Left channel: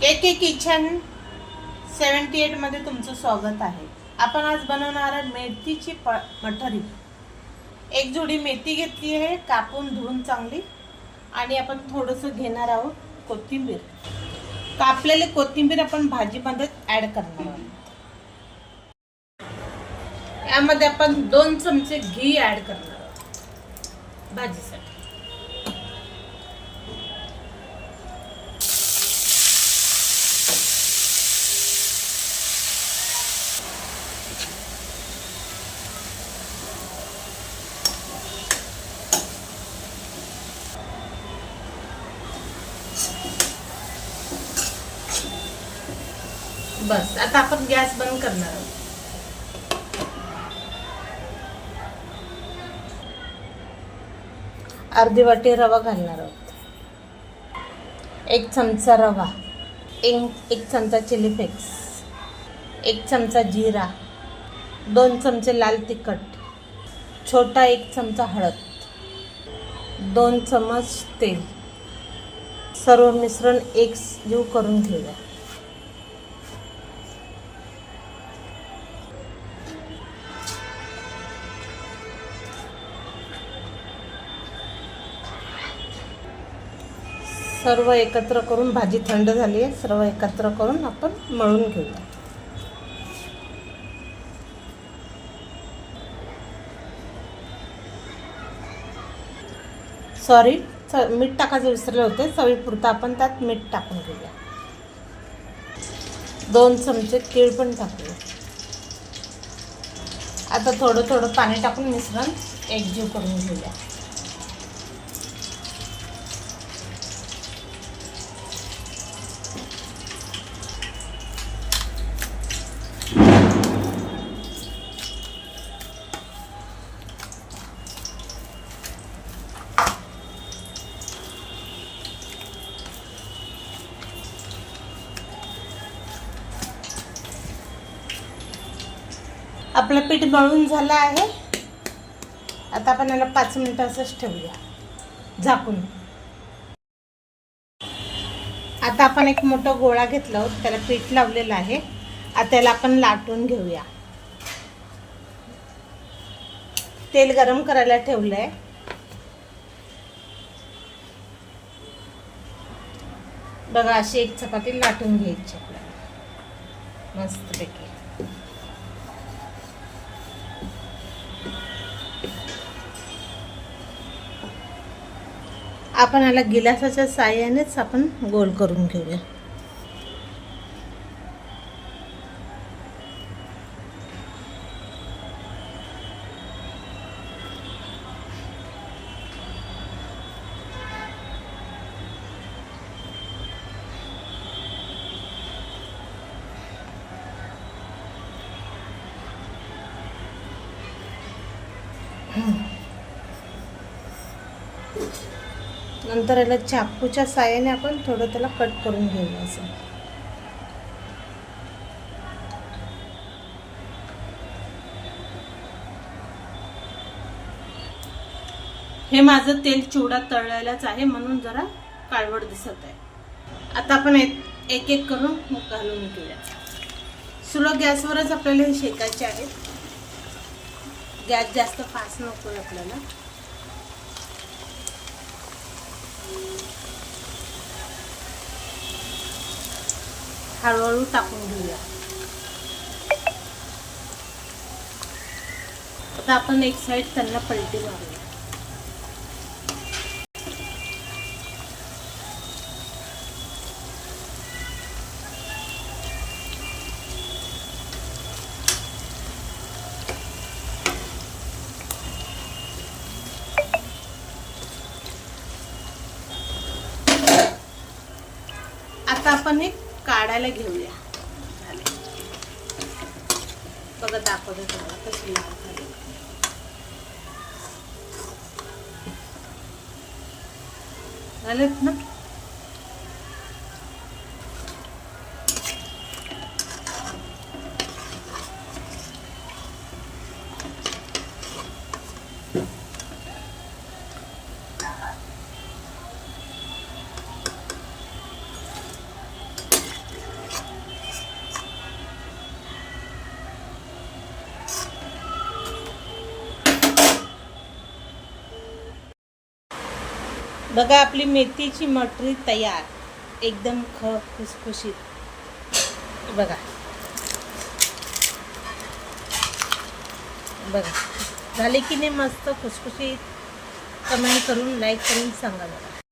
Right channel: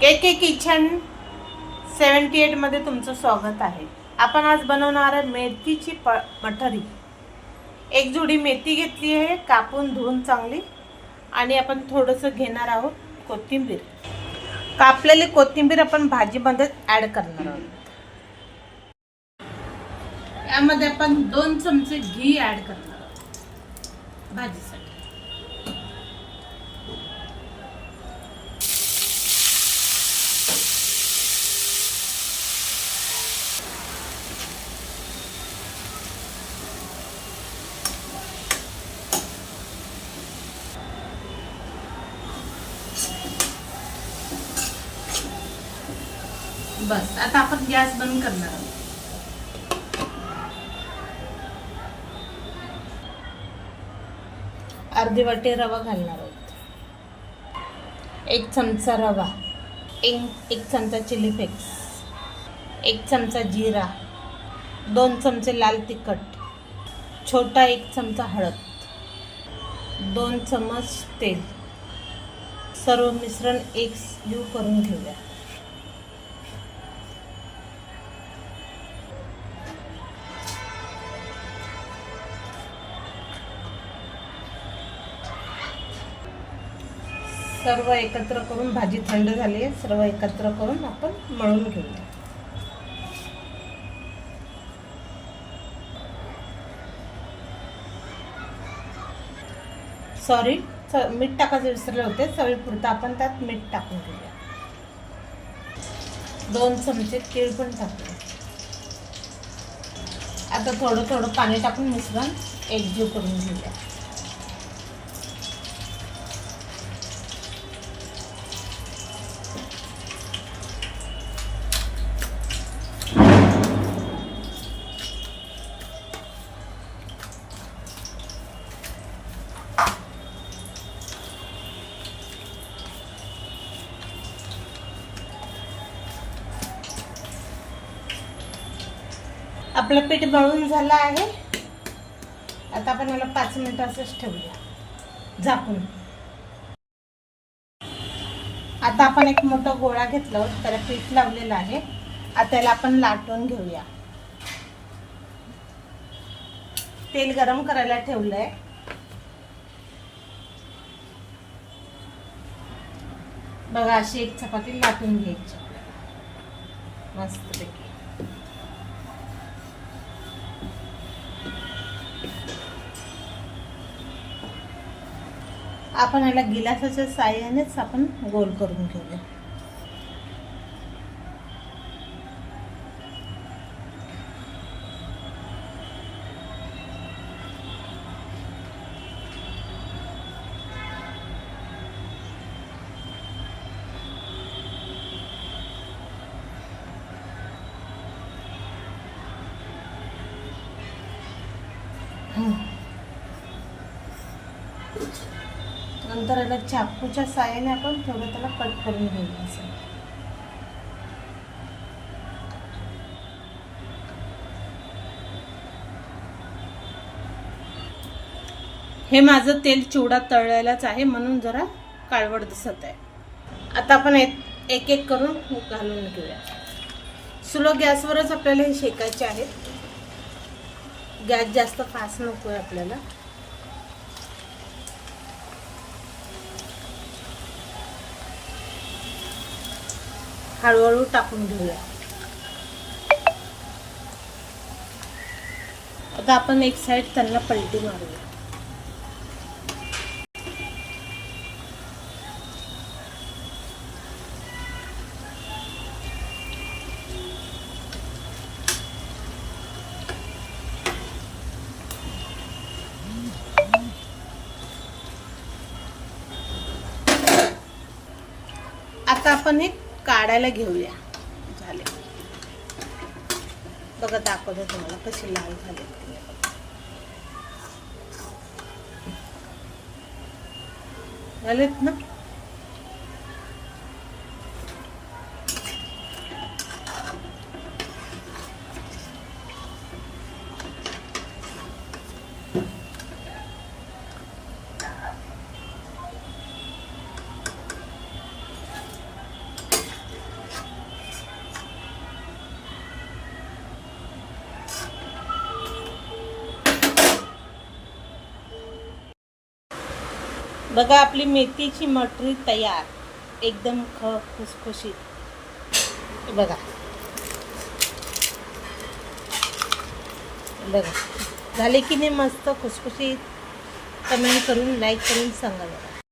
के के kitchen 78 मध्ये तुमचं स्वागत आहे. आपण आज बनवणार आहे मेथीची मठारी. एक जोडी मेथी घेतली आहे, कापून धुवून चांगली, आणि आपण थोडंसं घेणार आहोत कोथिंबीर. कापलेली कोथिंबीर आपण भाजीमध्ये ॲड करणार आहोत. यामध्ये आपण 2 चमचे घी ॲड करणार आहोत भाजीसाठी. बस, आता आपण गॅस बंद करणार आहोत. अर्धी वाटी रवा घालणार आहोत. 1 चमचा रवा, 1 चमचा चिली फ्लेक्स, 1 चमचा जिरा, 2 चमचे लाल तिखट, छोटा 1 चमचा हळद, 2 चमच तेल. सर्व मिश्रण एकजीव करून घेऊया. सर्व एकत्र करून, भाजी थंड झाली आहे, सर्व एकत्र करून आपण मळून घेऊया. सॉरी, मीठ टाकायचं विसरले होते. चवीपुरतं आपण त्यात मीठ टाकून घेऊया. 2 चमचे तीळ पण टाकूया. आता थोडं थोडं पाणी टाकून मिश्रण एकजीव करून घेऊया. आपलं पीठ मळून झालं आहे. आता आपण याला 5 मिनिटं असंच ठेवूया झाकून. आता आपण एक मोठा गोळा घेतला होता, त्याला पीठ लावलेलं आहे. आता याला आपण लाटून घेऊया. तेल गरम करायला ठेवलंय. बघा, अशी एक चपाती लाटून घ्यायची मस्तपैकी. आपण याला गिलासाच्या साहाय्यानेच आपण गोल करून घेऊया. नंतर याला चाकूच्या साहाय्याने आपण थोडं त्याला कट करून घेऊया. असं हे माझं तेल चिवडा तळलेलाच आहे, म्हणून जरा काळवट दिसत आहे. आता आपण एक एक करून घालून घेऊया. स्लो गॅसवरच आपल्याला हे शेकायचे आहे. गॅस जास्त फास्ट नको आहे आपल्याला. हळूहळू टाकून घेऊया. आता आपण एक साइड त्यांना पलटी मारूया. आता आपण एक काढायला घेऊया. झाले बघा, दाखवते तुम्हाला कशी लाल झाली. झालेत ना. बघा आपली मेथीची मटरी तयार, एकदम खुसखुशीत. बघा बघा झाले की नाही मस्त खुसखुशीत. कमेंट करून लाईक करून सांगा बघा.